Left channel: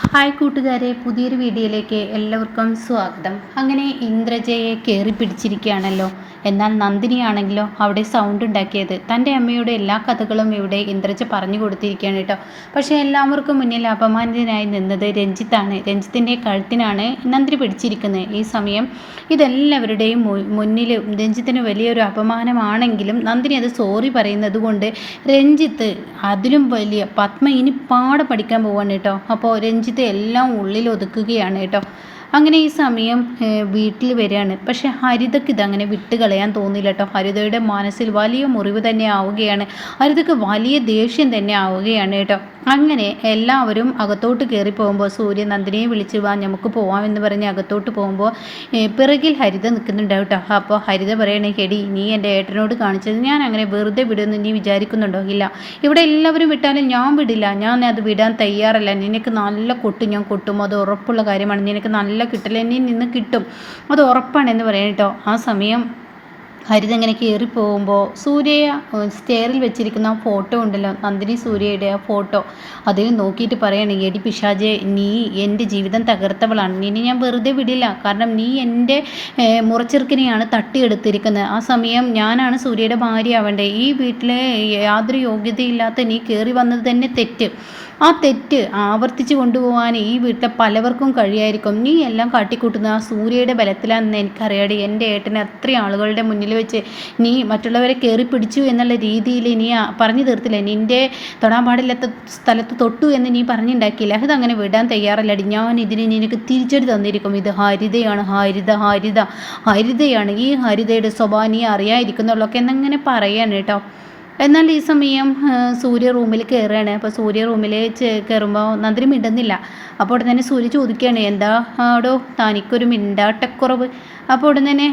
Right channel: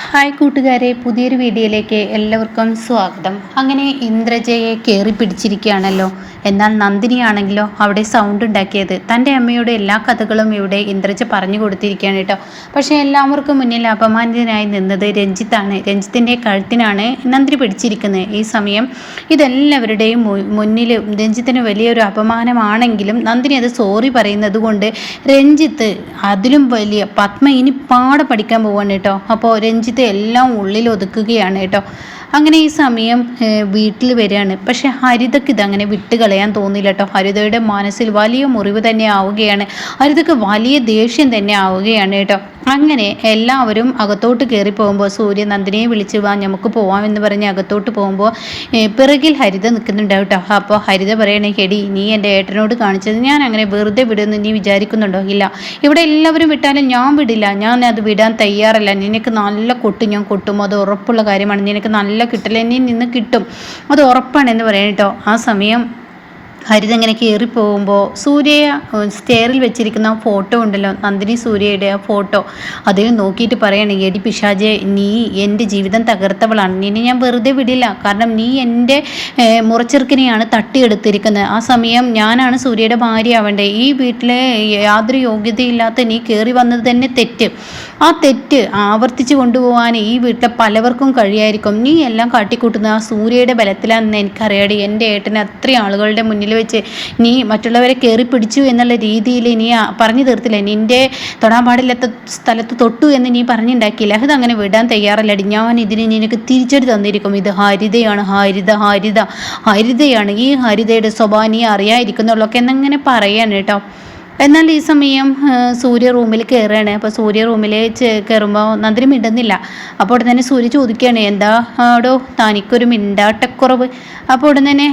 Hi കൂട്ടുകാരെ, പുതിയൊരു വീഡിയോയിലേക്ക് എല്ലാവർക്കും സ്വാഗതം. അങ്ങനെ ഇന്ദ്രജയെ കയറി പിടിച്ചിരിക്കുകയാണല്ലോ. എന്നാൽ നന്ദിനിയാണെങ്കിലോ അവിടെ സൗണ്ട് ഉണ്ടാക്കിയത് തൻ്റെ അമ്മയുടെ എല്ലാ കഥകളും ഇവിടെ ഇന്ദ്രജ പറഞ്ഞു കൊടുത്തിരിക്കുകയാണ് കേട്ടോ. പക്ഷേ എല്ലാവർക്കും മുന്നിൽ അപമാനിതനായി നിന്നത് രഞ്ജിത്താണ്. രഞ്ജിത്തിൻ്റെ കഴുത്തിനാണ് നന്ദിനി പിടിച്ചിരിക്കുന്നത്. ഈ സമയം ഇതെല്ലാവരുടെയും മുന്നിൽ രഞ്ജിത്തിന് വലിയൊരു അപമാനമാണെങ്കിലും നന്ദിനി അത് സോറി പറയുന്നത് കൊണ്ട് രഞ്ജിത്ത് അതിലും വലിയ പത്മ ഇനി പാടെ പഠിക്കാൻ പോവാണ് കേട്ടോ. അപ്പോൾ രഞ്ജിത്ത് എല്ലാം ഉള്ളിൽ ഒതുക്കുകയാണ് കേട്ടോ. അങ്ങനെ ഈ സമയം വീട്ടിൽ വരികയാണ്. പക്ഷെ ഹരിതയ്ക്ക് ഇതങ്ങനെ വിട്ടുകളയാൻ തോന്നില്ല കേട്ടോ. ഹരിതയുടെ മനസ്സിൽ വലിയ മുറിവ് തന്നെ ആവുകയാണ്. ഹരിതയ്ക്ക് വലിയ ദേഷ്യം തന്നെ ആവുകയാണ് കേട്ടോ. അങ്ങനെ എല്ലാവരും അകത്തോട്ട് കയറി പോകുമ്പോൾ സൂര്യ നന്ദിനിയെ വിളിച്ച് വാ നമുക്ക് പോവാമെന്ന് പറഞ്ഞ് അകത്തോട്ട് പോകുമ്പോൾ പിറകിൽ ഹരിത നിൽക്കുന്നുണ്ടാവും കേട്ടോ. അപ്പോൾ ഹരിത പറയണേ, എടി നീ എൻ്റെ ഏട്ടനോട് കാണിച്ചത് ഞാൻ അങ്ങനെ വെറുതെ വിടുമെന്ന് നീ വിചാരിക്കുന്നുണ്ടോ? ഇല്ല, ഇവിടെ എല്ലാവരും വിട്ടാലും ഞാൻ വിടില്ല, ഞാൻ അത് വിടാൻ തയ്യാറല്ല. നിനക്ക് നല്ല കൊട്ടും ഞാൻ കൊട്ടും, അത് ഉറപ്പുള്ള കാര്യമാണ്. നിനക്ക് നല്ല കിട്ടില്ല, എന്നിൽ നിന്ന് കിട്ടും, അത് ഉറപ്പാണെന്ന് പറയാം കേട്ടോ. ആ സമയം ഹരിത ഇങ്ങനെ കയറി പോകുമ്പോൾ സൂര്യ സ്റ്റെയറിൽ വെച്ചിരിക്കുന്ന ഫോട്ടോ ഉണ്ടല്ലോ, നന്ദിനി സൂര്യയുടെ ആ ഫോട്ടോ, അതിൽ നോക്കിയിട്ട് പറയണേ, എടി പിശാചെ, നീ എൻ്റെ ജീവിതം തകർത്തവളാണ്, നിന്നെ ഞാൻ വെറുതെ വിടില്ല. കാരണം നീ എൻ്റെ മുറച്ചെറുക്കിനെയാണ് തട്ടിയെടുത്തിരിക്കുന്നത്. ആ സമയം ഞാനാണ് സൂര്യയുടെ ഭാര്യ ആവേണ്ടത്. ഈ വീട്ടിലെ യാതൊരു യോഗ്യതയില്ലാത്ത നീ കയറി വന്നത് തന്നെ തെറ്റ്. ആ തെറ്റ് ആവർത്തിച്ച് കൊണ്ടുപോകാൻ ഈ വീട്ടിലെ പലവർക്കും കഴിയായിരിക്കും. നീ എല്ലാം കാട്ടിക്കൂട്ടുന്ന ആ സൂര്യയുടെ ബലത്തിലാണെന്ന് എനിക്കറിയാടി. എൻ്റെ ഏട്ടന് അത്രയും ആളുകളുടെ മുന്നിൽ വെച്ച് നീ മറ്റുള്ളവരെ കയറി പിടിച്ചു എന്നുള്ള രീതിയിൽ നീ പറഞ്ഞു തീർത്തില്ലേ. നിൻ്റെ തൊടാൻ പാടില്ലാത്ത സ്ഥലത്ത് തൊട്ടു എന്ന് നീ പറഞ്ഞുണ്ടാക്കിയില്ല. അതങ്ങനെ വിടാൻ തയ്യാറല്ലടി. ഞാൻ ഇതിന് നിനക്ക് തിരിച്ചടി തന്നിരിക്കും. ഇത് ഹരിതയാണ്, ഹരിതയാണ്. ഈ ഹരിതയുടെ സ്വഭാവം നീ അറിയാതിരിക്കുന്നുള്ളൊക്കെ എന്നങ്ങനെ പറയാണ് കേട്ടോ. എന്നാൽ ഈ സമയം സൂര്യ റൂമിൽ കയറുകയാണ്. അപ്പോൾ സൂര്യ റൂമിൽ കയറുമ്പോൾ നന്ദിനി മിണ്ടുന്നില്ല. അപ്പോൾ ഉടൻ തന്നെ സൂര്യ ചോദിക്കുകയാണ്, എന്താ ആടോ തനിക്കൊരു മിണ്ടാട്ടക്കുറവ്? അപ്പോൾ ഉടൻ തന്നെ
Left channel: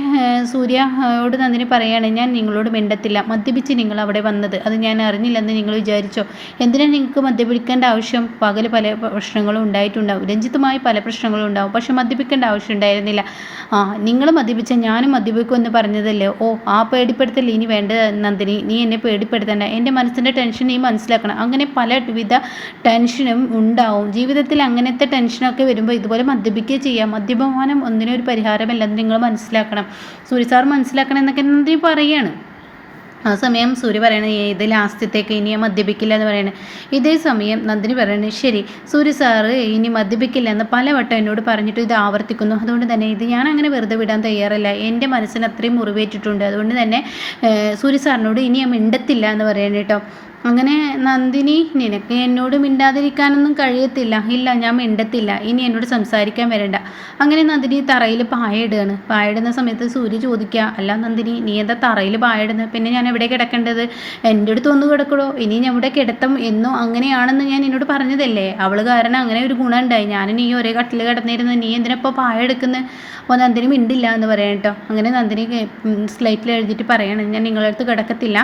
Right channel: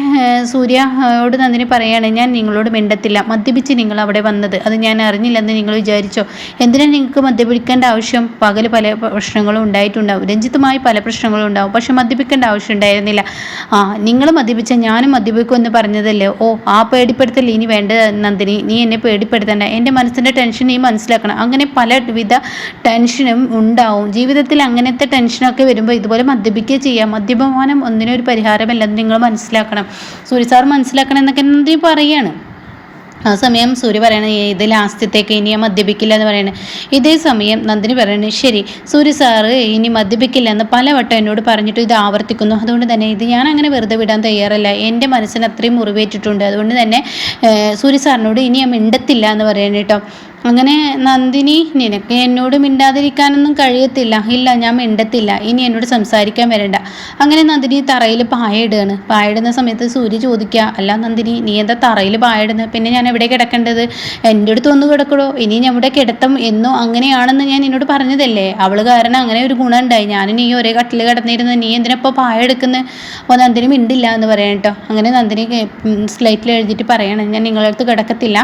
സൂര്യയോട് നന്ദിനി പറയുകയാണ്, ഞാൻ നിങ്ങളോട് മിണ്ടത്തില്ല. മദ്യപിച്ച് നിങ്ങൾ അവിടെ വന്നത് അത് ഞാൻ അറിഞ്ഞില്ലെന്ന് നിങ്ങൾ വിചാരിച്ചോ? എന്തിനാണ് നിങ്ങൾക്ക് മദ്യപിക്കേണ്ട ആവശ്യം? പകൽ പല പ്രശ്നങ്ങളും ഉണ്ടായിട്ടുണ്ടാവും, രഞ്ജിത്തുമായി പല പ്രശ്നങ്ങളും ഉണ്ടാവും, പക്ഷെ മദ്യപിക്കേണ്ട ആവശ്യം ഉണ്ടായിരുന്നില്ല. നിങ്ങൾ മദ്യപിച്ച ഞാനും മദ്യപിക്കുമെന്ന് പറഞ്ഞതല്ലേ? ഓ, ആ പേടിപ്പെടുത്തൽ ഇനി വേണ്ട നന്ദിനി, നീ എന്നെ പേടിപ്പെടുത്തണ്ട. എൻ്റെ മനസ്സിൻ്റെ ടെൻഷൻ നീ മനസ്സിലാക്കണം. അങ്ങനെ പലവിധ ടെൻഷനും ഉണ്ടാവും ജീവിതത്തിൽ. അങ്ങനത്തെ ടെൻഷനൊക്കെ വരുമ്പോൾ ഇതുപോലെ മദ്യപിക്കുക ചെയ്യാം. മദ്യപാനം ഒന്നിനും ഒരു പരിഹാരമല്ലെന്ന് നിങ്ങൾ മനസ്സിലാക്കണം, സൂര്യ സാർ മനസ്സിലാക്കണം എന്നൊക്കെ നന്ദിനി പറയാണ്. ആ സമയം സൂര്യ പറയണത്, ഇത് ലാസ്റ്റത്തേക്ക് ഇനി ഞാൻ മദ്യപിക്കില്ല എന്ന് പറയണേ. ഇതേ സമയം നന്ദിനി പറയണത്, ശരി സൂര്യ സാറ് ഇനി മദ്യപിക്കില്ല എന്ന് പലവട്ടം എന്നോട് പറഞ്ഞിട്ട് ഇത് ആവർത്തിക്കുന്നു. അതുകൊണ്ട് തന്നെ ഇത് ഞാൻ അങ്ങനെ വെറുതെ വിടാൻ തയ്യാറല്ല. എൻ്റെ മനസ്സിന് അത്രയും മുറിവേറ്റിട്ടുണ്ട്. അതുകൊണ്ട് തന്നെ സൂര്യ സാറിനോട് ഇനി ഞാൻ മിണ്ടത്തില്ല എന്ന് പറയണേ കേട്ടോ. അങ്ങനെ നന്ദിനി, നിനക്ക് എന്നോട് മിണ്ടാതിരിക്കാനൊന്നും കഴിയത്തില്ല. ഇല്ല, ഞാൻ മിണ്ടത്തില്ല, ഇനി എന്നോട് സംസാരിക്കാൻ വരണ്ട. അങ്ങനെ നന്ദിനി തറയിൽ പായിടുകയാണ്. പായിടുന്ന സമയത്ത് സൂര്യ ചോദിക്കുക, അല്ല നന്ദിനി, നീ എന്താ തറയിൽ പായിടുന്നത്? പിന്നെ ഞാൻ എവിടെ കിടക്കേണ്ടത്? എൻ്റെ അടുത്ത് ഒന്ന് കിടക്കടോ, ഇനി ഞാൻ ഇവിടെ കിടത്തും എന്നോ അങ്ങനെയാണെന്ന് ഞാൻ എന്നോട് പറഞ്ഞതല്ലേ. അവൾ കാരണം അങ്ങനെ ഒരു ഗുണം ഉണ്ടായി. ഞാനും നീ ഒരേ കട്ടിൽ കിടന്നിരുന്നത്, നീ എന്തിനപ്പോൾ പായെടുക്കുന്നത്? അപ്പോൾ നന്ദിനി മിണ്ടില്ല എന്ന് പറയാം കേട്ടോ. അങ്ങനെ നന്ദിനി സ്ലൈറ്റിൽ എഴുതിയിട്ട് പറയണം, ഞാൻ നിങ്ങളുടെ അടുത്ത് കിടക്കത്തില്ല,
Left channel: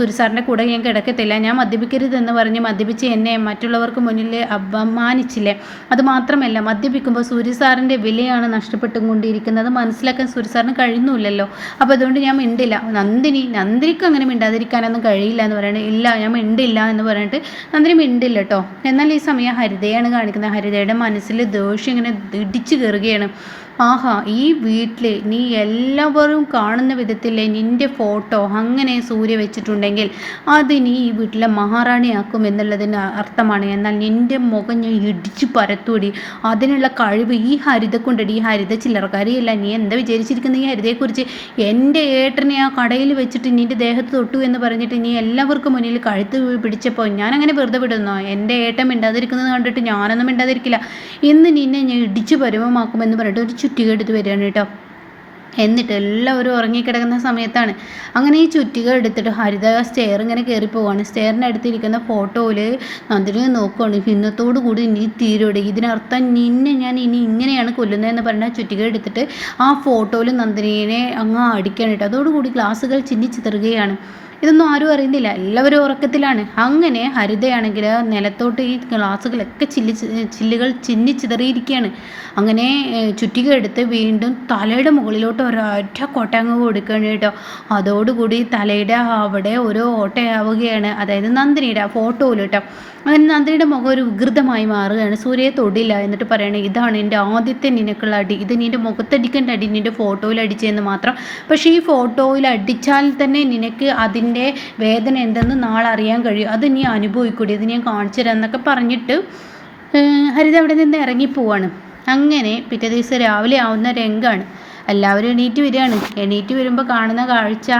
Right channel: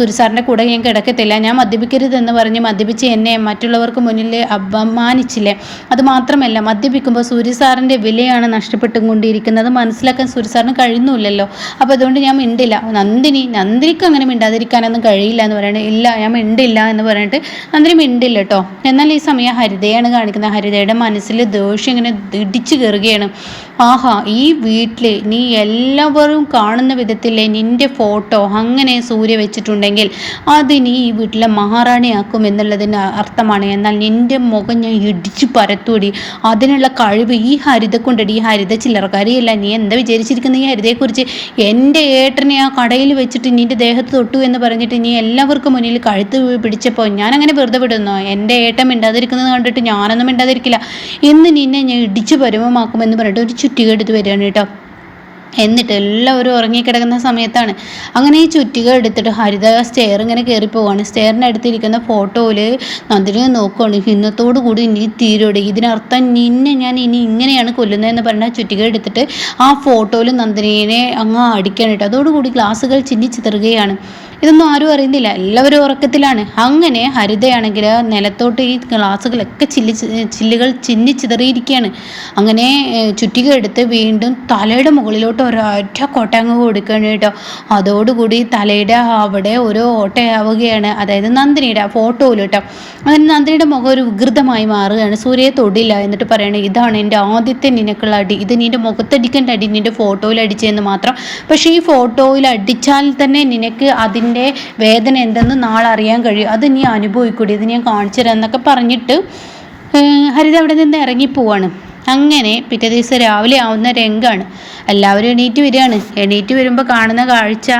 സൂര്യ സാറിൻ്റെ കൂടെ ഞാൻ കിടക്കത്തില്ല. ഞാൻ മദ്യപിക്കരുതെന്ന് പറഞ്ഞ് മദ്യപിച്ച് എന്നെ മറ്റുള്ളവർക്ക് മുന്നിൽ അപമാനിച്ചില്ലേ. അതുമാത്രമല്ല, മദ്യപിക്കുമ്പോൾ സൂര്യ സാറിൻ്റെ വിലയാണ് നഷ്ടപ്പെട്ടുകൊണ്ടിരിക്കുന്നത്. മനസ്സിലാക്കാൻ സൂര്യ സാറിന് കഴിയുന്നില്ലല്ലോ. അപ്പോൾ അതുകൊണ്ട് ഞാൻ മിണ്ടില്ല. നന്ദിനിക്ക് അങ്ങനെ മിണ്ടാതിരിക്കാനൊന്നും കഴിയില്ല എന്ന് പറയണേ. ഇല്ല, ഞാൻ മിണ്ടില്ല എന്ന് പറഞ്ഞിട്ട് നന്ദിനി മിണ്ടില്ല കേട്ടോ. എന്നാൽ ഈ സമയം ഹരിതയാണ് കാണിക്കുന്നത്. ഹരിതയുടെ മനസ്സിൽ ദേഷ്യം ഇങ്ങനെ ഇടിച്ചു കയറുകയാണ്. ആഹാ, ഈ വീട്ടിൽ നീ എല്ലാവരും കാണുന്ന വിധത്തിലെ നിൻ്റെ ഫോട്ടോ അങ്ങനെ സൂര്യ വെച്ചിട്ടുണ്ടെങ്കിൽ അതിന് ഈ വീട്ടിലെ മഹാറാണിയാക്കും എന്നുള്ളതിന് അർത്ഥമാണ്. എന്നാൽ നിൻ്റെ മുഖം ഞാൻ ഇടിച്ചു പരത്തൂടി. അതിനുള്ള കഴിവ് ഈ ഹരിത കൊണ്ടടി. ഈ ഹരിത ചില്ലറക്കാരിയല്ല. നീ എന്താ വിചാരിച്ചിരിക്കുന്നത് ഈ ഹരിതയെക്കുറിച്ച്? എൻ്റെ ഏട്ടനെ ആ കടയിൽ വെച്ചിട്ട് നിൻ്റെ ദേഹത്ത് തൊട്ടു എന്ന് പറഞ്ഞിട്ട് നീ എല്ലാവർക്കും മുന്നിൽ കഴുത്ത് പിടിച്ചപ്പോൾ ഞാൻ അങ്ങനെ വെറുതെ വിടുന്നോ? എൻ്റെ ഏട്ടൻ മിണ്ടാതിരിക്കുന്നത് കണ്ടിട്ട് ഞാനൊന്നും മിണ്ടാതിരിക്കില്ല. ഇന്ന് നിന്നെ ഞാൻ ഇടിച്ചു പരുവമാക്കുമെന്ന് പറഞ്ഞിട്ട് ഒരു ചുറ്റിക എടുത്ത് വരികയാണ് കേട്ടോ. എന്നിട്ട് എല്ലാവരും ഉറങ്ങിക്കിടക്കുന്ന സമയത്താണ് അങ്ങനെ ഈ ചുറ്റിക എടുത്തിട്ട് ഹരിത സ്റ്റെയർ ഇങ്ങനെ കയറി പോവാണ്. സ്റ്റെയറിൻ്റെ അടുത്തിരിക്കുന്ന ഫോട്ടോയിൽ നന്ദിനി നോക്കുകയാണ്. ഇന്നത്തോടു കൂടി ഇനി തീരോടെ, ഇതിനർത്ഥം നിന്നെ ഞാൻ ഇനി ഇങ്ങനെയാണ് കൊല്ലുന്നതെന്ന് പറഞ്ഞാൽ ചുറ്റിക എടുത്തിട്ട് ആ ഫോട്ടോയിൽ നന്ദിനിയെ അങ്ങ് അടിക്കാൻ കേട്ടോ. അതോടുകൂടി ഗ്ലാസുകൾ ചിന്നിച്ചിതറുകയാണ്. ഇതൊന്നും ആരും അറിയുന്നില്ല, എല്ലാവരും ഉറക്കത്തിലാണ്. അങ്ങനെ ഹരിതയാണെങ്കിൽ നിലത്തോട്ട് ഈ ഗ്ലാസ്സുകളൊക്കെ ചില്ലുകൾ ചിന്നിച്ചിതറിയിരിക്കുകയാണ്. അങ്ങനെ ചുറ്റിക എടുത്ത് വീണ്ടും തലയുടെ മുകളിലോട്ട് ഒരൊറ്റ കൊട്ടങ്ങ് കൊടുക്കുകയാണ് കേട്ടോ. അതോടുകൂടി തലയുടെ അവിടെ ഒരു ഓട്ടയാവുകയാണ്, അതായത് നന്ദിനിയുടെ ആ ഫോട്ടോയിൽ കേട്ടോ. അങ്ങനെ നന്ദിനിയുടെ മുഖം ഒരു വികൃതമായി മാറുകയാണ്. സൂര്യയെ തൊടില്ല എന്നിട്ട് പറയണേ, ഇതാണ് എൻ്റെ ആദ്യത്തെ നിനക്കുള്ള അടി, ഇത് നിൻ്റെ മുഖത്തടിക്കേണ്ട അടി നിൻ്റെ ഫോട്ടോയിൽ അടിച്ചതെന്ന് മാത്രം. പക്ഷേ ഈ ഫോട്ടോയിൽ അടിച്ചാൽ തന്നെ നിനക്ക് അതിൻ്റെ വേദന എന്തെന്ന് നാളെ അറിയാൻ കഴിയും, അത് നീ അനുഭവിക്കൂടി, ഇത് ഞാൻ കാണിച്ചു തരാം എന്നൊക്കെ പറഞ്ഞിട്ട് ഹരിത അവിടെ നിന്ന് ഇറങ്ങിപ്പോവാണ്. അങ്ങനെ പിറ്റേ ദിവസം രാവിലെ ആവുന്ന രംഗാണ്. എല്ലാവരും എണീറ്റ് വരികയാണ്. എണീറ്റ് വരുമ്പോൾ കാണുന്ന കാഴ്ച,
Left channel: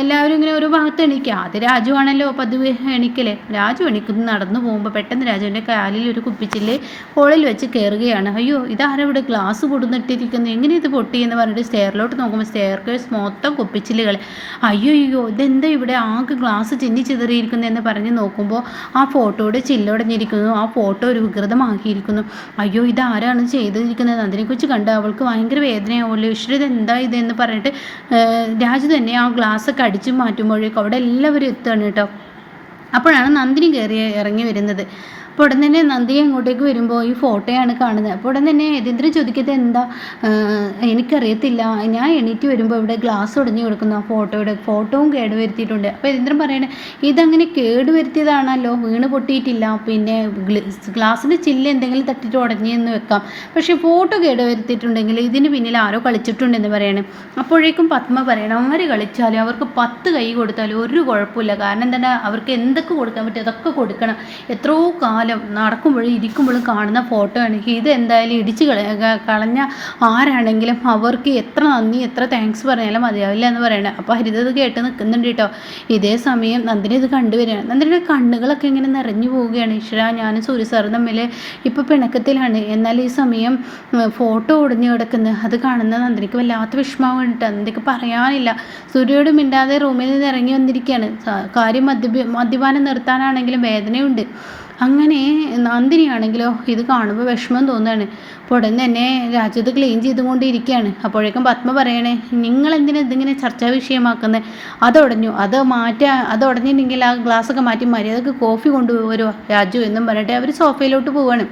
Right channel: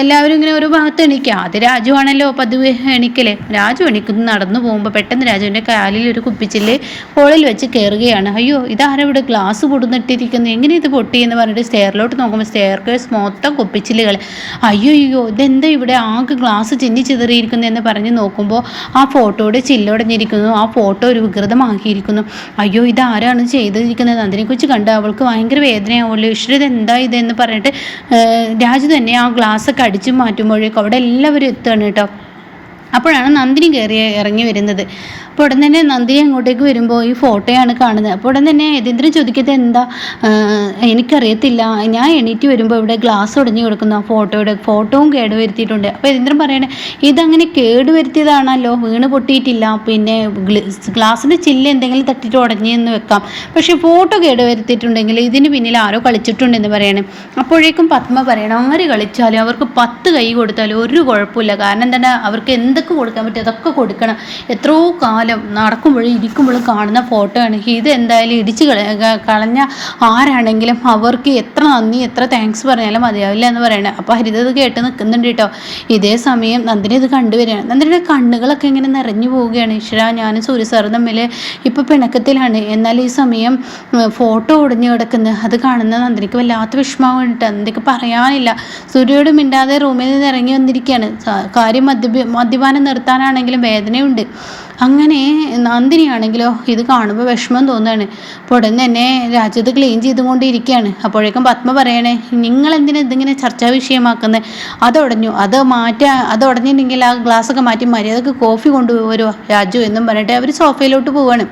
എല്ലാവരും ഇങ്ങനെ ഒരു ഭാഗത്ത് എണീക്കുക. അത് രാജു ആണല്ലോ പതിവ് എണീക്കല്. രാജു എണീക്കുന്നു നടന്നു പോകുമ്പോൾ പെട്ടെന്ന് രാജുവിൻ്റെ കാലിൽ ഒരു കുപ്പിച്ചില് ഹോളിൽ വെച്ച് കയറുകയാണ്. അയ്യോ, ഇതാരവിടെ ഗ്ലാസ് കൊടുന്നിട്ടിരിക്കുന്നു, എങ്ങനെ ഇത് പൊട്ടി എന്ന് പറഞ്ഞിട്ട് സ്റ്റെയറിലോട്ട് നോക്കുമ്പോൾ സ്റ്റെയർ കേസ് മൊത്തം കുപ്പിച്ചില്ലുകൾ. അയ്യോ ഇതെന്താ ഇവിടെ ആകെ ഗ്ലാസ് ചിന്നി ചിതറിയിരിക്കുന്നു എന്ന് പറഞ്ഞ് നോക്കുമ്പോൾ ആ ഫോട്ടോയുടെ ചില്ലൊടഞ്ഞിരിക്കുന്നു. ആ ഫോട്ടോ ഒരു വികൃതമാക്കിയിരിക്കുന്നു. അയ്യോ, ഇതാരാണ് ചെയ്തിരിക്കുന്നത്? അതിനെക്കുറിച്ച് കണ്ട് അവൾക്ക് ഭയങ്കര വേദനയാവുമല്ലോ. ഈശ്വര, എന്താ ഇതെന്ന് പറഞ്ഞിട്ട് രാജു തന്നെ ആ ഗ്ലാസ്സൊക്കെ അടിച്ചു മാറ്റുമ്പോഴേക്കും അവിടെ എല്ലാവരും എത്തുകയാണ് കേട്ടോ. അപ്പോഴാണ് നന്ദിനി ഇറങ്ങി വരുന്നത്. അപ്പോൾ ഉടൻ തന്നെ നന്ദിനി അങ്ങോട്ടേക്ക് വരുമ്പോൾ ഈ ഫോട്ടോയാണ് കാണുന്നത്. അപ്പോൾ ഉടൻ തന്നെ യതീന്ദ്രൻ ചോദിക്കുന്നത്, എന്താ, എനിക്കറിയത്തില്ല, ഞാൻ എണീറ്റ് വരുമ്പോൾ ഇവിടെ ഗ്ലാസ് ഉടഞ്ഞു കിടക്കുന്നു, ഫോട്ടോവും കേടുവരുത്തിയിട്ടുണ്ട്. അപ്പോൾ യതീന്ദ്രൻ പറയണേ, ഇതങ്ങനെ കേടുവരുത്തിയതാണല്ലോ, വീണ് പൊട്ടിയിട്ടില്ല, പിന്നെ ഗ്ലാസിൻ്റെ ചില്ല് എന്തെങ്കിലും തട്ടിയിട്ട് ഉടഞ്ഞെന്ന് വെക്കാം, പക്ഷേ ഫോട്ടോ കേടുവരുത്തിയിട്ടുണ്ടെങ്കിൽ ഇതിന് പിന്നിൽ ആരോ കളിച്ചിട്ടുണ്ടെന്ന് പറയണേ. അപ്പോഴേക്കും പത്മ പറയണം, ആര് കളിച്ചാലും അവർക്ക് 10 കൈ കൊടുത്താലും ഒരു കുഴപ്പമില്ല, കാരണം എന്താണ്, അവർക്ക് എന്തൊക്കെ കൊടുക്കാൻ പറ്റും അതൊക്കെ കൊടുക്കണം. എത്രയോ കാലം നടക്കുമ്പോഴും ഇരിക്കുമ്പോഴും കാണുന്ന ഫോട്ടോ ആണ് ഇത്. എന്തായാലും ഇടിച്ച് കളഞ്ഞ ആരാണെങ്കിലും അവർക്ക് എത്ര നന്ദി എത്ര താങ്ക്സ് പറഞ്ഞാലും മതിയാവില്ല എന്ന് പറയണേ. അപ്പോൾ ഹരിത ഇത് കേട്ട് നിൽക്കുന്നുണ്ട് കേട്ടോ. ഇതേ സമയം നന്ദിനി ഇത് കണ്ടുവരികയാണ്. നന്ദിനിയുടെ കണ്ണുകളൊക്കെ ഇങ്ങനെ നിറഞ്ഞു പോവുകയാണ്. ഈശ്വര, ഞാനും സൂര്യ സാറും തമ്മിൽ ഇപ്പോൾ പിണക്കത്തിലാണ്, എന്നാൽ ഈ സമയം ഫോട്ടോ ഒടിഞ്ഞു കിടക്കുന്നത് അത് കാണുന്ന നന്ദിനിക്ക് വല്ലാത്ത വിഷമമായിട്ട് നന്ദിക്ക് പറയാനില്ല. സൂര്യയോട് മിണ്ടാതെ റൂമിൽ നിന്ന് ഇറങ്ങി വന്നിരിക്കുകയാണ്. കാര്യം മദ്യപാനം നിർത്താനാണെങ്കിലും വേദനയുണ്ട്. അങ്ങനെ നന്ദിനിയാണെങ്കിലോ ഇത് കാണുമ്പോൾ വിഷമം തോന്നുകയാണ്. അപ്പോൾ ഉടൻ തന്നെ രാജ്യത്ത് ക്ലീൻ ചെയ്തുകൊണ്ടിരിക്കുകയാണ്. അപ്പോഴേക്കും പത്മ പറയണേ, നിങ്ങളെന്തിനാ ഇതിങ്ങനെ ചർച്ചാ വിഷയമാക്കുന്നത്, അതുടഞ്ഞു, അത് ഉടഞ്ഞിട്ടുണ്ടെങ്കിൽ ആ ഗ്ലാസ്സൊക്കെ മാറ്റി മര്യാദക്ക് കോഫി കൊണ്ടുവരുമോ രാജു എന്നും പറഞ്ഞിട്ട് അവർ സോഫയിലോട്ട് പോവാണ്.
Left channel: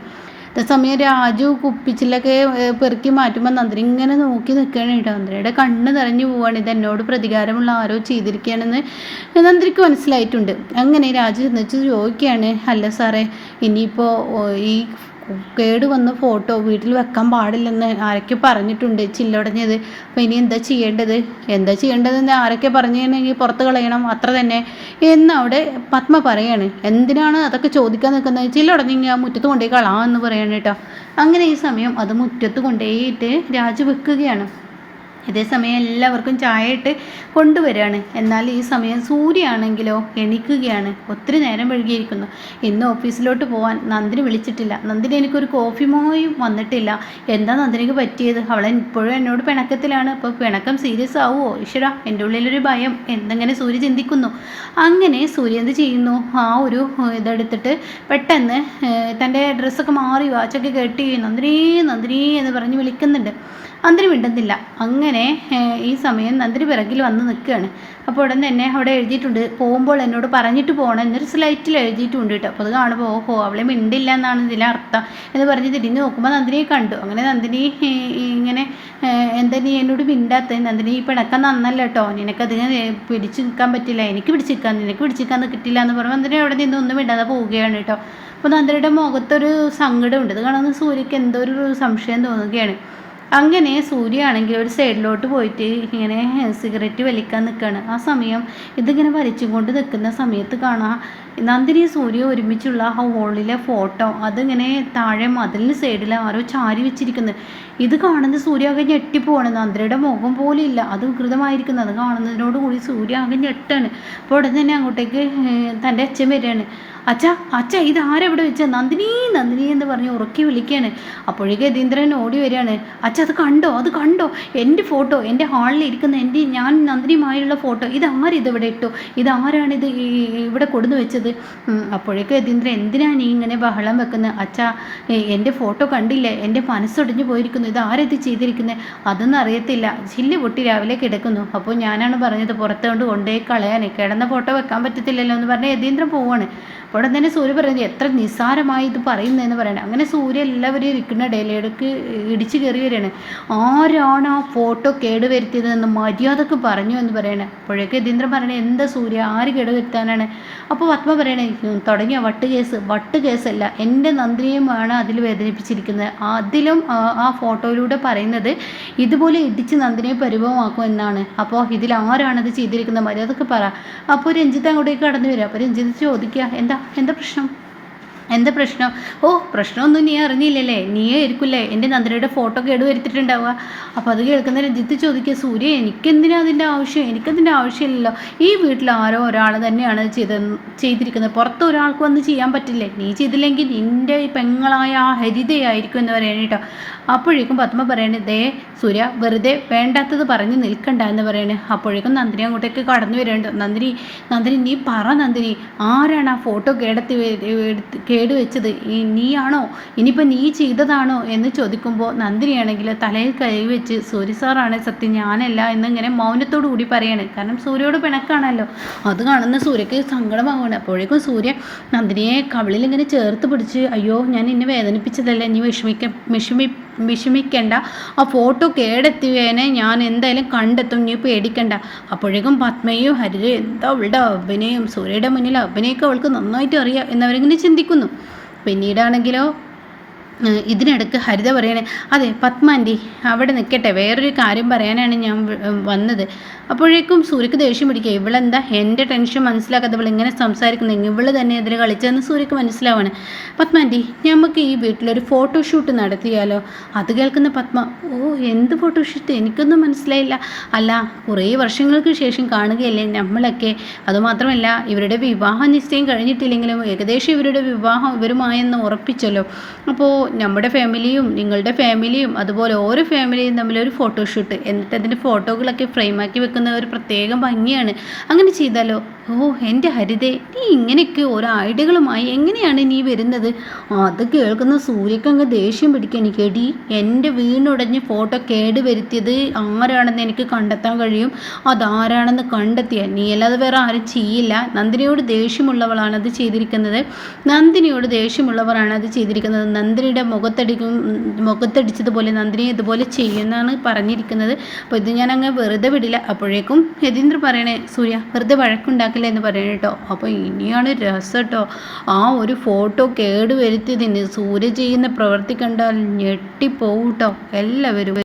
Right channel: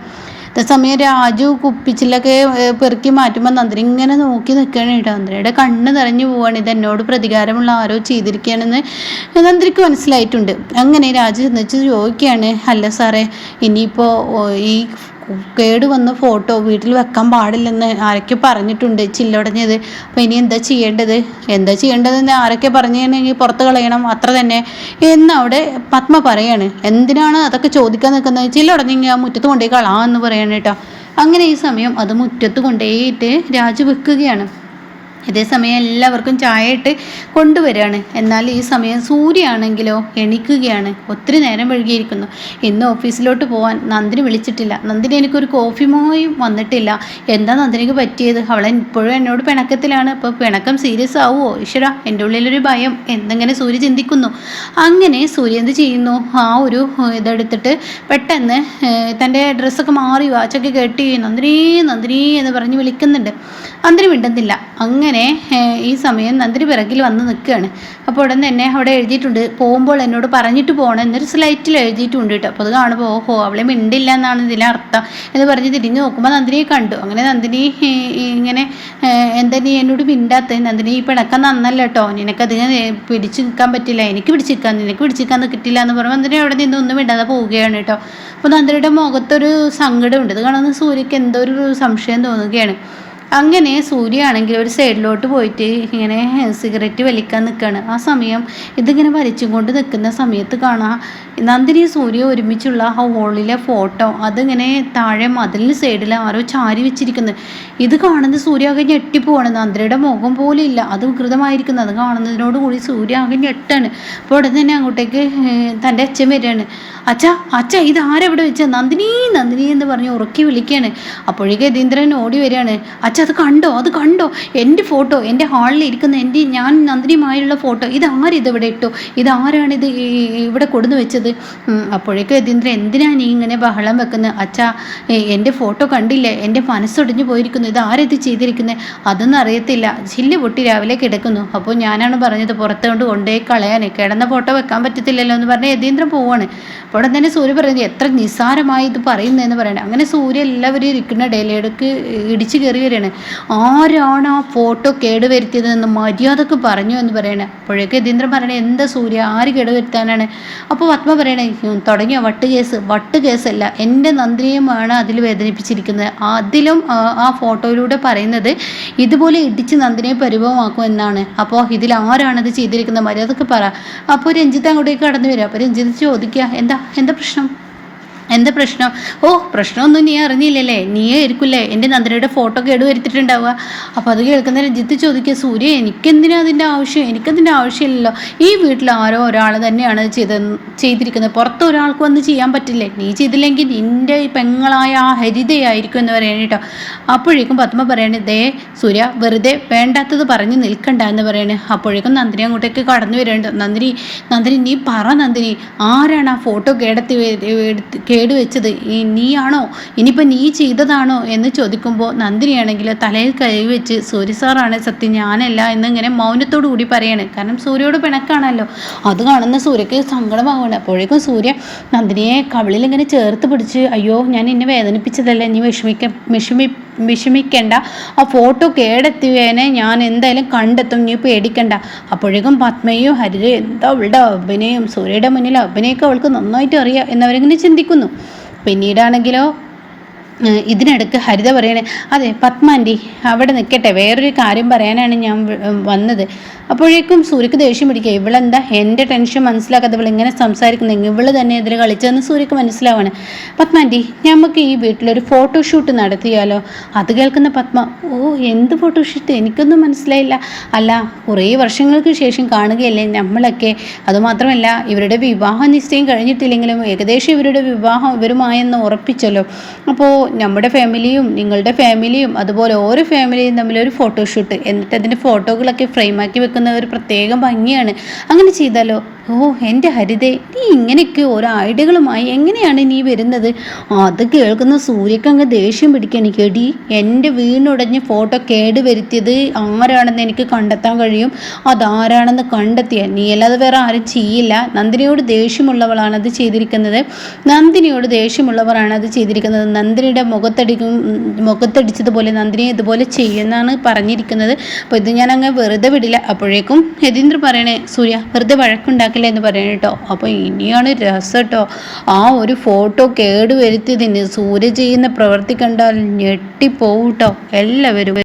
അതേസമയം രാജു കുപ്പിച്ചിലൊക്കെ പെറുക്കി മാറ്റുമ്പോൾ നന്ദിനി ഇങ്ങനെ നോക്കി നിൽക്കുകയാണ് കേട്ടോ. നന്ദിനിയുടെ കണ്ണ് നിറഞ്ഞു പോവാണ്. ഇത് എന്നോട് പ്രതികാരമുള്ള ആരോ ചെയ്തിരിക്കുകയാണെന്ന് നന്ദിനിക്ക് മനസ്സിലായിട്ടുണ്ട്. അങ്ങനെ രാജു ചെന്നിച്ച് ചോദിക്കുകയാണ്, അല്ല സാറേ, ഇനിയിപ്പോൾ ഈ കേടുവന്ന ഫോട്ടോ വീട്ടിൽ വെക്കാൻ പാടില്ലെന്ന് ആരൊക്കെ പറഞ്ഞിട്ടുണ്ട്, ചില്ലടഞ്ഞത്. അപ്പോൾ ഇനി എന്താ ചെയ്യേണ്ടതെന്ന് ആരൊക്കെ പറഞ്ഞിട്ടുണ്ടെങ്കിൽ പുറത്ത് കളയണം, അത്ര തന്നെ എന്ന് അവിടെ പത്മ പറയാണ്. എന്തിനാണ് അതൊക്കെ ചോദിക്കാൻ നിൽക്കുന്നത്, ചില്ലടഞ്ഞെങ്കിൽ ആ മുറ്റത്ത് കൊണ്ടുപോയി കളാമെന്ന് പറയണം കേട്ടോ. അങ്ങനെ ഈ സമയം അത് മുറ്റത്ത് കൊണ്ടുപോയിട്ട് രാജു വെക്കുകയാണ്. ഇതേസമയം എല്ലാവർക്കും ചായ ഇട്ട് കൊണ്ടുവരികയാണ്. എന്നാൽ ഈ സമയം സൂര്യയാണെങ്കിലോ എണീക്കുകയാണ്. ഒത്തിരി നേരം വൈകിയിരിക്കുന്നു. ഇന്ന് ഓഫീസിലോട്ട് പോകാൻ നന്ദിനി വിളിച്ചിട്ടില്ല. നന്ദിനി എനിക്കൊരു കോഫി മോയും വന്നിട്ടില്ല. എന്താ നന്ദിനിക്ക് പറ്റിയത്? അവളെ ഇപ്പോഴും എന്നോട് പിണക്കത്തിലാണ്. അപ്പോൾ പിണക്കം സീരിയസ് ആവുമോ? ഈശ്വര, എൻ്റെ ഉള്ളിലൊരു ഭയം. എന്തെങ്ങനെ സൂര്യ ചിന്തിക്കുന്നു. അങ്ങനെ സൂര്യ എന്ത് ചെയ്യുന്നു, ആ ഒരു ഇതെടുത്തിട്ട് പെട്ടെന്ന് തൻ്റെ ഡ്രസ്സൊക്കെ മാറി വാച്ചൊക്കെ കെട്ടി നന്ദിനി നന്ദിനി എന്ന് പറഞ്ഞ് വിളിക്കുന്നുണ്ട്. നന്ദിനി മിണ്ടുന്നില്ല. അങ്ങനെ ഈ സമയം നന്ദിനി പിറകിൽ വന്ന് നിൽക്കുകയാണ്. അപ്പോൾ ഉടൻ തന്നെ അവിടെ എഴുതിയിട്ടുണ്ട്, പോകുമ്പോൾ എന്നോട് പറഞ്ഞിട്ട് പോകണം എന്നൊരു സ്ലൈറ്റിൽ എഴുതിയിട്ടുണ്ട് കേട്ടോ. അപ്പോൾ അത് കാണുമ്പോൾ ഓഹോ, അവളെ മിണ്ടില്ല എന്നാണ് ഇതിലെ അർത്ഥം എന്ന് പറഞ്ഞ് തിരിഞ്ഞ് നോക്കുമ്പോൾ നന്ദിനിയെ കണ്ടു. അങ്ങനെ നന്ദിനി ഇങ്ങനെ, എന്താ നീ എന്നോട് മിണ്ടാത്ത, നന്ദിനി ഈ പിണക്കം നന്നല്ല കേട്ടോ, നിനക്കധികം പിടിച്ച് നിൽക്കാൻ പറ്റില്ല, എനിക്ക് നിനക്ക് പിടിച്ചിരിക്കാൻ കിട്ടില്ല എന്ന് പറയുമ്പോൾ നന്ദിനി അവിടെ നിന്ന് ഒന്നും മിണ്ടാതെ പോവുകയാണ് കേട്ടോ. അപ്പോൾ നന്ദിനിയുടെ മുഖത്തൊരു സങ്കടമുണ്ട്. ഇത് കാണുന്ന സൂര്യക്ക് എന്തോ ഒരു സംശയം തോന്നുകയാണ്. അങ്ങനെ സൂര്യ ആണെങ്കിൽ ഒരു സൈഡിലോട്ട് പോയിട്ട് ഇങ്ങനെ സിഗരറ്റ് വലിക്കാൻ നിൽക്കുകയാണ്. ആ സമയം ഇതിങ്ങനെ വലിച്ചും കൊണ്ട് നിൽക്കുന്ന സമയത്ത് കാണാം നന്ദിനി സൂര്യ ഒരുമിച്ചുള്ള ആ ഹോളിലെ ഫോട്ടോ അതിങ്ങനെ താഴെ മതിലിന് സൈഡിൽ ആരോ ചാരി വെച്ചിരിക്കുന്നത്. ഇത് കാണുന്നത് സൂര്യ ആകെ ഞെട്ടിപ്പോവാണ്. നന്ദിനിയുടെ മുഖം പോലും ഇല്ല, അത് വികൃതമായിരിക്കുന്നത്. അത് കാണുന്നതിനോട് കൂടി സൂര്യ ആകെ ഞെട്ടാണ്. അപ്പോൾ ഉടനെ തന്നെ അങ്ങോട്ടേക്ക് തൻ്റെ അച്ഛൻ വരികയാണ്. അച്ഛ ഇത് ആരെവിടെ വെച്ചാൽ നന്ദിനി നന്ദിനി എന്ന് പറഞ്ഞ് ഉറക്കി വിളിക്കുകയാണ്. അപ്പോഴേക്ക് യതീന്ദ്രൻ ഓടി വരികയാണ്. അത് കണ്ടോ എൻ്റെ ഫോട്ടോ, എൻ്റെ ഹാളിൽ ഇരിക്കുന്ന ഞാൻ നന്ദിനിയുമായുള്ള ഫോട്ടോ, ഇതാരിതിവിടെ ഇട്ടു, ഇതാരാണിത് ഇവിടെ കൊടുന്ന് വെച്ചത് ചോദിച്ചത്. അപ്പോഴേക്കും യതീന്ദ്രൻ എന്തിനാ നീ ഇങ്ങനെ ബഹളം വെക്കുന്നത്? അച്ഛാ, എൻ്റെ ഫോട്ടോ കണ്ടില്ലേ? എൻ്റെ മനസ്സൊടിഞ്ഞു പോയിരിക്കുന്നു. ഇത് ആരത് ചെയ്തിരിക്കുന്നത്? അതൊന്നും അറിയത്തില്ല. ചില്ല് പൊട്ടി രാവിലെ കിടക്കുന്നു. അപ്പോൾ ഞാനാണ് പറഞ്ഞത് പുറത്ത് കൊണ്ടുപോയി കളയാൻ. കിടന്ന ഫോട്ടോ വെക്കാൻ പറ്റത്തില്ലല്ലോ എന്ന് പറഞ്ഞ് യതീന്ദ്രൻ പോവാണ്. അപ്പോൾ തന്നെ സൂര്യ പറയുന്നത് എത്ര നിസ്സാരമായി ഇത് പറയുന്നതെന്ന് പറയണേ. അങ്ങനെ സൂര്യ എല്ലാവരും ഇരിക്കുന്ന ഇടയിലേക്ക് ഇടിച്ചു കയറി വരികയാണ്. ആരാണ് ആ ഫോട്ടോ കേടുവരുത്തിയതെന്ന് മര്യാദക്ക് പറഞ്ഞു എന്ന് പറയണേ. അപ്പോഴേക്ക് യതീന്ദ്രൻ പറയണേ, എന്താ സൂര്യ, ആര് കേടുവരുത്താനാണ്? അപ്പോൾ പത്മ പറയണേ, തുടങ്ങിയോ വട്ട് കേസല്ല, എൻ്റെ നന്ദിനിയുമാണ് അതിൽ വേദനിപ്പിച്ചിരിക്കുന്നത്. അതിലും ആ ഫോട്ടോയിലൂടെ പറയുന്നത് ഇതുപോലെ ഇടിച്ച് നന്ദിനിയെ പരിഭവമാക്കും എന്നാണ്. അപ്പോൾ ഇതിൽ ആരാണത് ചെയ്തിരിക്കുന്നത്? മര്യാദക്ക് പറ. അപ്പോൾ രഞ്ജിത്ത് അങ്ങോട്ടേക്ക് കടന്നു വരിക. അപ്പോൾ രഞ്ജിത്ത് ചോദിക്കുക, എന്താ പ്രശ്നം? ഓ, പ്രശ്നമൊന്നും നീ അറിഞ്ഞില്ലല്ലേ? നീയേ ആയിരിക്കില്ലേ എൻ്റെ നന്ദിനിയുടെ ഫോട്ടോ കേടുവരുത്തിട്ടുണ്ടാവുക. അപ്പോൾ അത് കേൾക്കുന്ന രഞ്ജിത്ത് ചോദിക്കുക, സൂര്യ, എനിക്കതിൻ്റെ ആവശ്യം? എനിക്കതിൻ്റെ ആവശ്യമില്ലല്ലോ. ഈ വീട്ടിൽ ആരോ ഒരാൾ തന്നെയാണ് ചെയ്തിരിക്കുന്നത്. പുറത്ത് ഒരാൾക്ക് വന്ന് ചെയ്യാൻ പറ്റില്ലേ? നീ ചെയ്തില്ലെങ്കിൽ നിൻ്റെ പെങ്ങളായ ആ ഹരിതയായിരിക്കും എന്ന് പറയണ കേട്ടോ. അപ്പോഴേക്കും പത്മ പറയണേ, ദേ സൂര്യ, വെറുതെ വേണ്ടാത്തത് പറഞ്ഞ് നിൽക്കണ്ട എന്ന് പറയണേ. അപ്പോഴേക്കും നന്ദിനി അങ്ങോട്ടേക്ക് കടന്നു വരേണ്ട. നന്ദിനി നീ പറ നന്ദിനി, ആരാണ് ആ ഫോട്ടോ കേടുവെച്ചത്? നീയാണോ? ഇനിയിപ്പോൾ നീ ചെയ്തതാണോ എന്ന് ചോദിക്കുമ്പോൾ നന്ദിനിയാണെങ്കിൽ തലയിൽ കൈവച്ച് സൂര്യ സാറാണ് സത്യം, ഞാനല്ല എന്നിങ്ങനെ മൗനത്തോടു കൂടി പറയാണ്. കാരണം സൂര്യയോട് പിണക്കാണല്ലോ. അത് കാണുന്ന സൂര്യക്ക് സങ്കടമാവുകയാണ്. അപ്പോഴേക്കും സൂര്യ നന്ദിനിയെ കവിളിൽ ഇങ്ങനെ ചേർത്ത് പിടിച്ച്, അയ്യോ ഞാൻ എന്നെ വേദനിപ്പിച്ചതല്ലേ, നീ വിഷമിക്കണ്ട, ആ ഫോട്ടോ കേടെത്തിയതിനെ ഞാൻ എന്തായാലും കണ്ടെത്തും, നീ പേടിക്കണ്ട. അപ്പോഴേക്കും പത്മയും ഹരിത എന്താ അവളുടെ അഭിനയം, സൂര്യയുടെ മുന്നിൽ അഭിനയൊക്കെ അവൾക്ക് നന്നായിട്ട് അറിയാം എന്നവരിങ്ങനെ ചിന്തിക്കുന്നു. പിന്നീടാണെങ്കിലോ ഇതിനിടയ്ക്ക് ഹരിത പറയണേ, അതെ പത്മാൻറ്റി അവിടെ നിൽക്കട്ടെ, വേറൊരു കാര്യം പറയാനാണ് ഞാൻ വന്നത്. അപ്പോഴേക്കും സൂര്യക്ക് ദേഷ്യം പിടിക്കുക. ഇവളെന്താ എൻ്റെ ടെൻഷൻ മനസ്സിലാക്കാതെ ഇവളിങ്ങനെ സംസാരിക്കുന്നെങ്കിൽ ഇവള് തന്നെ എതിരെ കളിച്ചതെന്ന് സൂര്യക്ക് മനസ്സിലാവാണ്. പത്മാൻറ്റി, നമുക്ക് ഈ വീട്ടിലൊരു ഫോട്ടോഷൂട്ട് നടത്തിയാലോ? അത് കേൾക്കുന്ന പത്മ, ഓ എന്ത് ഫോട്ടോഷൂട്ട്? എനിക്കൊന്നും മനസ്സിലായില്ല. അല്ല, കുറേ വർഷങ്ങൾക്ക് ശേഷം കാണുകയല്ലേ നമ്മളൊക്കെ. അതുമാത്രമല്ല, ഇവരുടെ വിവാഹ നിശ്ചയം കഴിഞ്ഞിട്ടില്ലെങ്കിലും ഏകദേശം ഇവരുടെ വിവാഹം ഇവരുമായെന്ന് ഉറപ്പിച്ചല്ലോ. അപ്പോൾ നമ്മുടെ ഫാമിലിയും നിങ്ങളുടെ ഫാമിലിയും അതുപോലെ ഓരോ ഫാമിലിയും തമ്മിലൊരു ഫോട്ടോഷൂട്ട്, എന്നിട്ട് അതിൻ്റെ ഫോട്ടോകളൊക്കെ ഫ്രെയിമാക്കി വെക്കുന്ന ഒരു പ്രത്യേകം ഭംഗിയാണ്. അങ്ങനെ ചെയ്താലോ? ഓ എൻ്റെ ഹരിതേ, നീ ഇങ്ങനെയൊക്കെ ഓരോ ഐഡിയകളുമായി എങ്ങനെയാണ് നീ വരുന്നത്? അത് കേൾക്കുന്ന സൂര്യക്ക് അങ്ങ് ദേഷ്യം പിടിക്കാൻ. കേടി, എൻ്റെ വീണുടഞ്ഞ് ഫോട്ടോ കേടുവരുത്തിയത് ആരാണെന്ന് എനിക്ക് കണ്ടെത്താൻ കഴിയും. അതാരാണെന്ന് കണ്ടെത്തിയാൽ നീ അല്ലാതെ വേറെ ആരും ചെയ്യില്ല. നന്ദിനിയോട് ദേഷ്യമുള്ളവളാണ് അത് ചെയ്തിരിക്കുന്നത്. നന്ദിനിയുടെ മുഖത്തടിച്ചതുപോലെ നന്ദിനിയെ ഇതുപോലെ ചെയ്യുമെന്നാണ് പറഞ്ഞിരിക്കുന്നത്. അപ്പോൾ ഇത് ഞാൻ അങ്ങ് വെറുതെ വിടില്ല. അപ്പോഴേക്കും യതീന്ദ്ര പറയണേ, സൂര്യ വെറുതെ വഴക്കുണ്ടാക്കില്ല എന്ന് പറയണ കേട്ടോ. അപ്പോൾ ഇനിയാണ് രസം കേട്ടോ. ആ ഒരു ഫോട്ടോ കേടുവരുത്തിയതിന് സൂര്യ ചെയ്യുന്ന പ്രവൃത്തി കണ്ടാൽ ഞെട്ടിപ്പോവും കേട്ടോ എല്ലാവരും.